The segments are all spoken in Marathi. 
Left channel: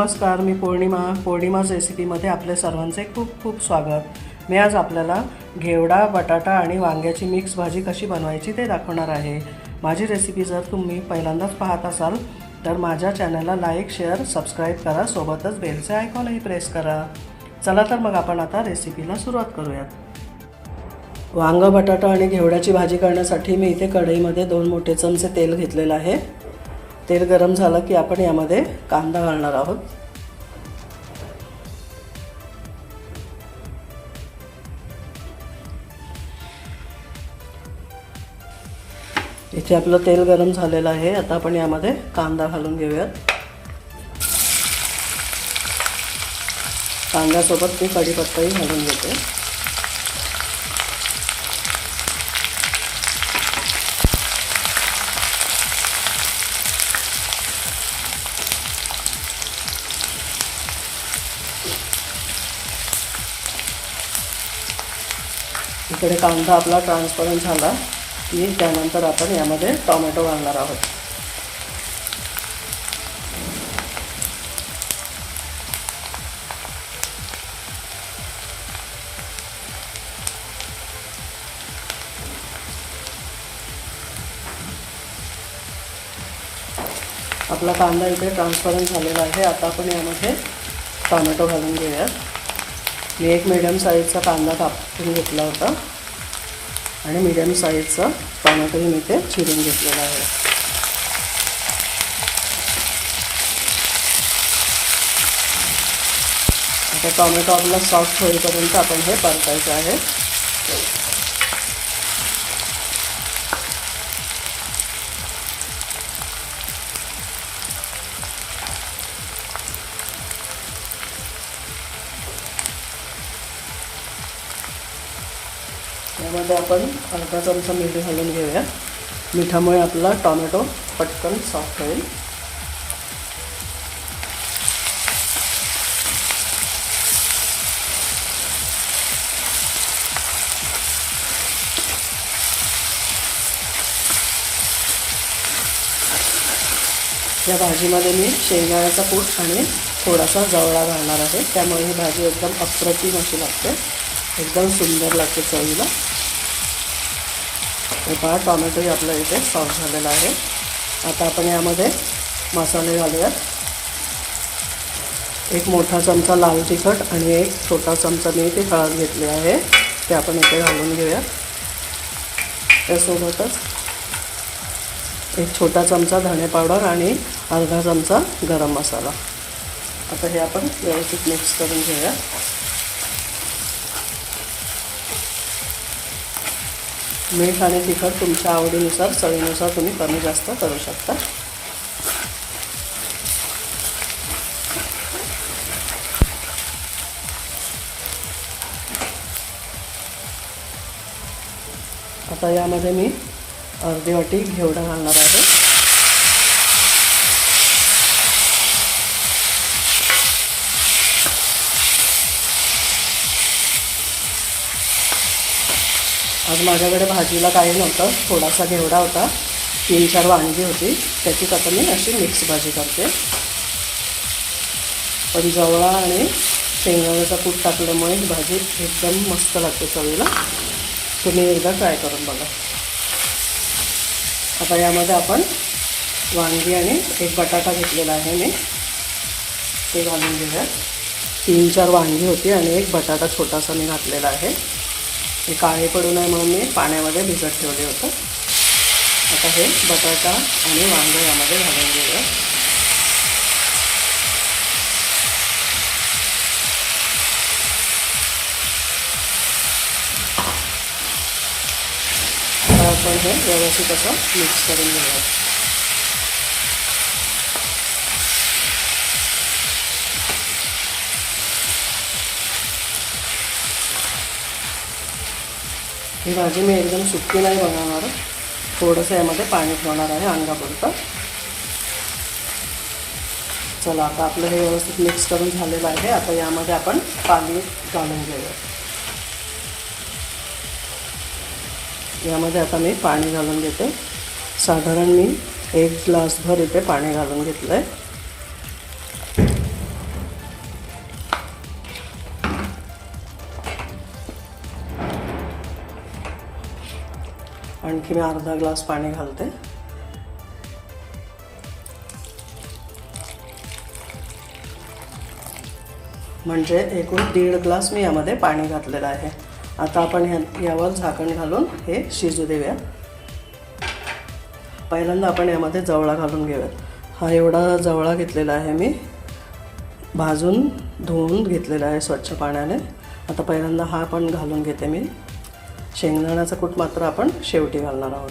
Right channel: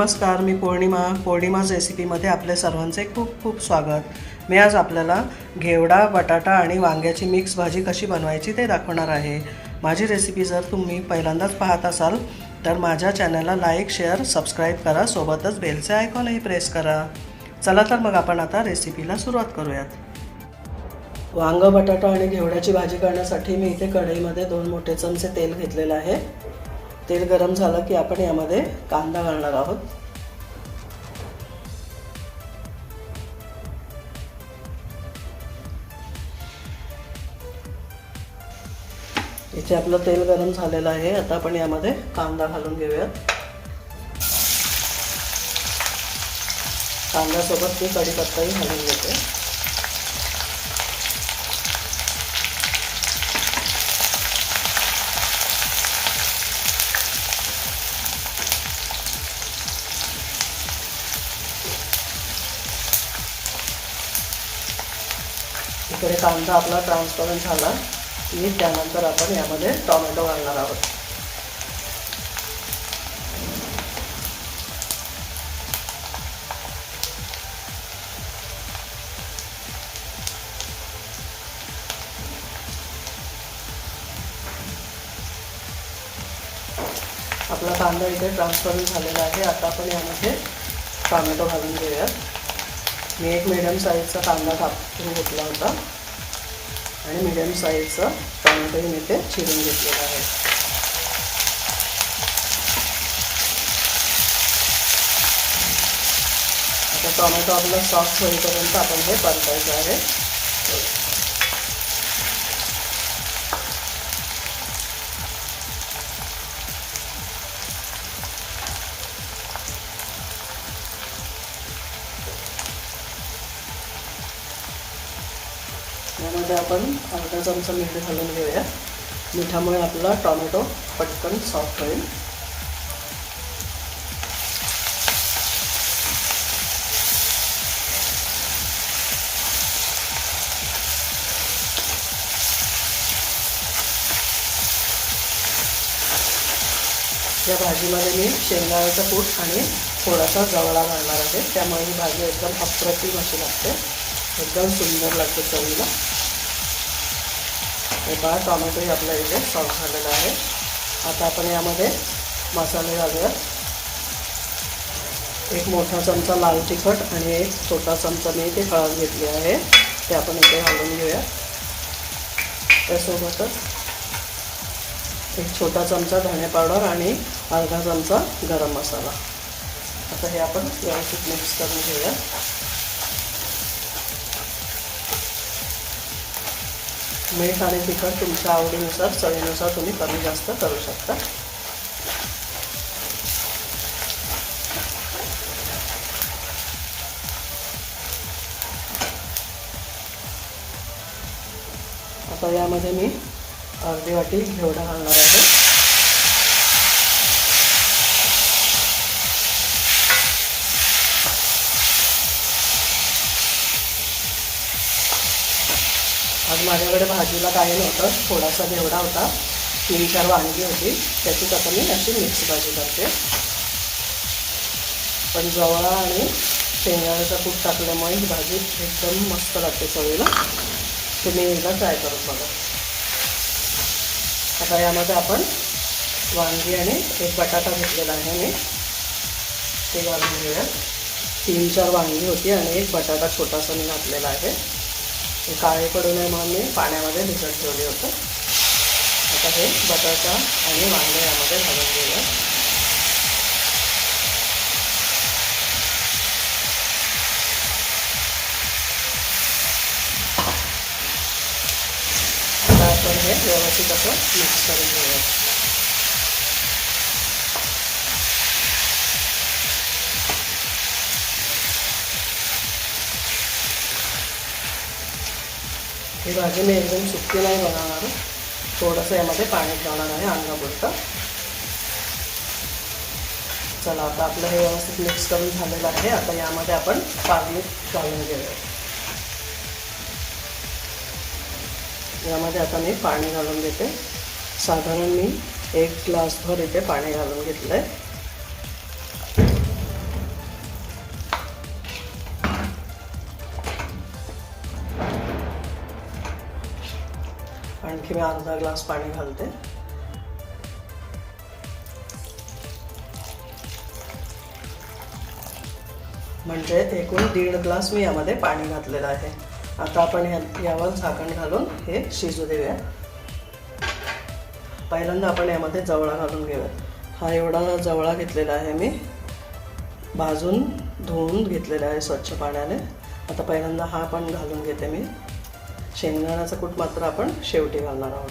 नमस्कार मी पौर्णिमा. पौर्णिमाज रेसिपीमध्ये आपल्या सर्वांचे खूप खूप स्वागत. मी आज आपल्याला घेवडा बटाटा आणि वांग्याची मिक्स भाजी कशी बनवायची ते दाखवणार आहे. माझी रेसिपी जर तुम्ही पहिल्यांदाच पाहत असाल तर माझ्या चॅनलला लाईक शेअर सबस्क्राईब करा. सोबतच बेलचे आयकॉनही प्रेस करा. चला तर मग आपण आता रेसिपीला सुरुवात करूयात. वांग बटाटा आणि घेवड्याची भाजी करण्यासाठी मी इथे कढईमध्ये दोन मोठे चमचे तेल घेतलेलं आहे. तेल गरम झालं की आपण यामध्ये कांदा घालणार आहोत. इथे आपलं तेल गरम झालेलं आहे. आता आपण यामध्ये कांदा घालून घेऊयात. कांद्यासोबत मी कढीपत्ताही घालून घेते. इकडे कांदा आपला ट्रान्सपरंट झाला की त्यानंतर आपण यामध्ये टॉमॅटो घालणार आहोत. आपला कांदा इथे ट्रान्सपरंट झालेला आहे. आता आपण यामध्ये टॉमॅटो घालून घेऊयात. मी एक मिडियम साईजचा कांदा कापून घेतला होता. आणि मिडियम साईजचा टोमॅटोही मी ते चिरून घेतलेला आहे. आता टोमॅटो आपला सॉफ्ट होईपर्यंत आपण हे परतायचं आहे. यामध्ये आपण अर्धा चमचा मीठ घालून घेऊया. मिठामुळे आपला टॉमॅटो पटकन सॉफ्ट होईल. या भाजीमध्ये मी शेंगदाण्याचा कूट आणि थोडासा जवळा घालणार आहे. त्यामुळे ही भाजी एकदम अप्रतिम अशी लागते. एकदम सुंदर लागते चवीला. पहा टॉमॅटोही आपला इथे सॉफ्ट झालेला आहे. आता आपण यामध्ये मसाले घालूयात. एक मोठा चमचा लाल तिखट आणि एक छोटा चमचा मी इथे हळद घेतली आहे. ते आपण इथे घालून घेऊया त्यासोबतच एक छोटा चमचा धणे पावडर आणि अर्धा चमचा गरम मसाला. आता हे आपण व्यवस्थित मिक्स करून घेऊया मीठ आणि तिखट तुमच्या आवडीनुसार चवीनुसार तुम्ही कमी जास्त करू शकता. आता यामध्ये मी अर्धी वाटी घेवडा घालणार आहे. आज माझ्याकडे भाजीला काही नव्हतं थोडासा घेवडा होता. तीन चार वांगी होती. त्याची आता मी अशी मिक्स भाजी करते. पण जवळा आणि शेंगदाण्याचा तूप टाकल्यामुळे ही भाजी एकदम मस्त लागते चवीला. तुम्ही एकदा ट्राय करून बघा. आता यामध्ये आपण वांगी आणि एक बटाटा घेतलेला आहे मी. ते घालून घेऊया. तीन चार वांगी होती आणि एक बटाटा छोटासा मी घातलेला आहे. हे काळे पडू नये म्हणून मी पाण्यामध्ये भिजत ठेवले होतं. आता हे बटाटा आणि वांगे यामध्ये घालून घेऊया. आपण हे व्यवस्थित असं मिक्स करून घेऊया. ही भाजी मी एकदम सुकी नाही बनवणार थोडंसं यामध्ये पाणी ठेवणार आहे अंगापुरतं चला आता आपलं हे व्यवस्थित मिक्स करून झालेलं आहे आता यामध्ये आपण पाणी घालून घेऊया यामध्ये आता मी पाणी घालून घेते साधारण मी एक ग्लासभर इथे पाणी घालून घेतलं आहे आणखी मी अर्धा ग्लास पाणी घालते. म्हणजे एकूण दीड ग्लास मी यामध्ये पाणी घातलेलं आहे. आता आपण यावर झाकण घालून हे शिजू देऊया. पहिल्यांदा आपण यामध्ये जवळा घालून घेऊयात. हा एवढा जवळा घेतलेला आहे मी. भाजून धुवून घेतलेला आहे स्वच्छ पाण्याने. आता पहिल्यांदा हा पण घालून घेते मी. शेंगदाण्याचं कूट मात्र आपण शेवटी घालणार आहोत.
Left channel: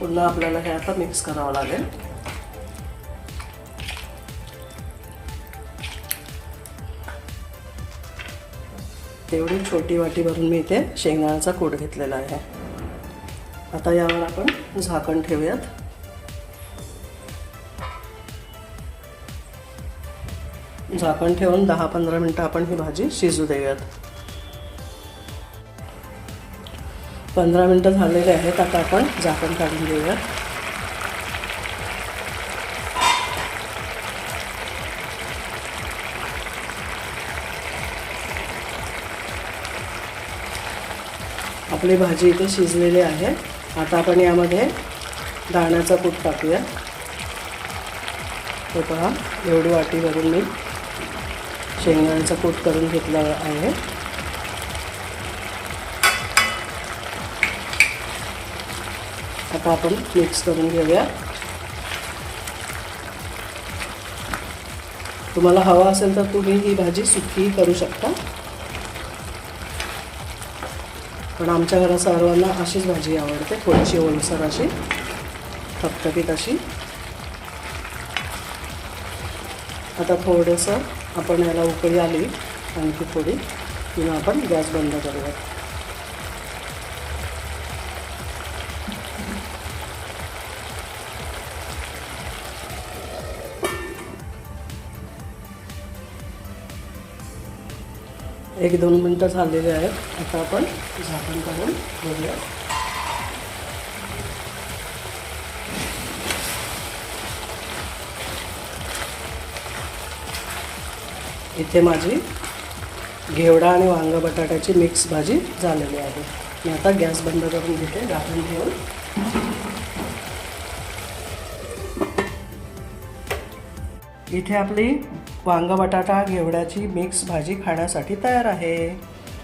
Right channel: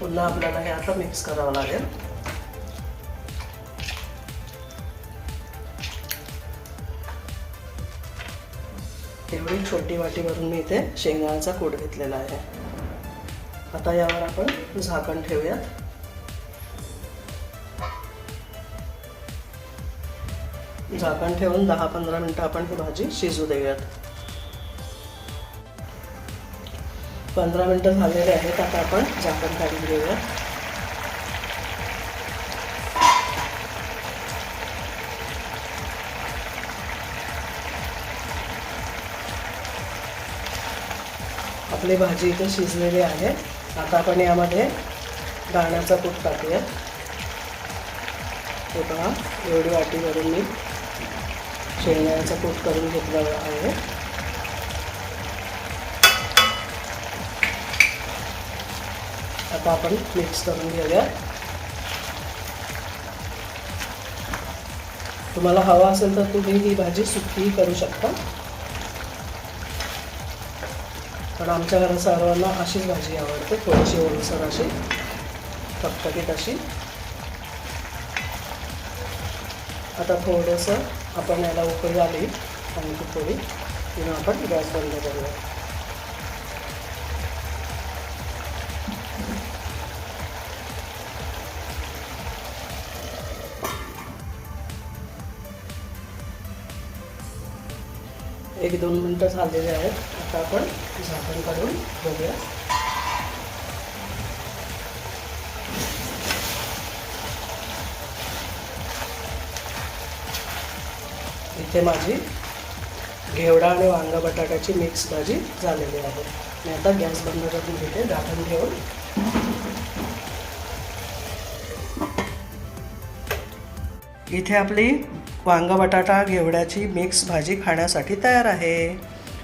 पुन्हा आपल्याला हे आता मिक्स करावं लागेल. तेवढी छोटी वाटी भरून मी इथे शेंगदाण्याचा कूट घेतलेला आहे. आता यावर आपण झाकण ठेवूयात. झाकण ठेवून दहा पंधरा मिनटं आपण ही भाजी शिजू देऊयात. पंधरा मिनटं झालेले आहेत आता आपण झाकण काढून घेऊयात. आपली भाजी इथे शिजलेली आहे. आता आपण यामध्ये दाण्याचा तूप टाकूया तो पहा एवढी वाटी भरून मी शेंगदाण्याचा कूट करून घेतला आहे. आता आपण मिक्स करून घेऊया. तुम्हाला हवा असेल तर तुम्ही ही भाजी सुकीही करू शकता. पण आमच्या घरात सर्वांना अशीच भाजी आवडते थोडीशी ओलसर अशी फटफटीत अशी. आता थोडंसं आपण याला उकळी आली आणखी थोडी. किंवा आपण गॅस बंद करूया. एक दोन मिनटं झालेले आहेत. आता आपण झाकण काढून बघूया. इथे माझी घेवडा आणि वांगा बटाट्याची मिक्स भाजी झालेली आहे. मी आता गॅस बंद करून घेते झाकण ठेवून. इथे आपली वांगा बटाटा घेवड्याची मिक्स भाजी खाण्यासाठी तयार आहे.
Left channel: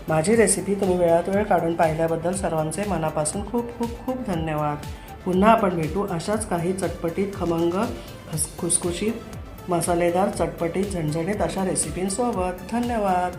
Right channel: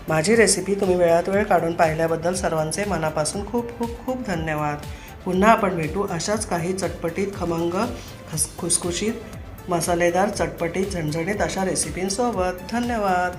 माझी रेसिपी तुम्ही वेळात वेळ काढून पाहिल्याबद्दल सर्वांचे मनापासून खूप खूप खूप धन्यवाद. पुन्हा आपण भेटू अशाच काही चटपटीत खमंग खस खुसखुशीत मसालेदार चटपटीत झणझणीत अशा रेसिपींसोबत धन्यवाद.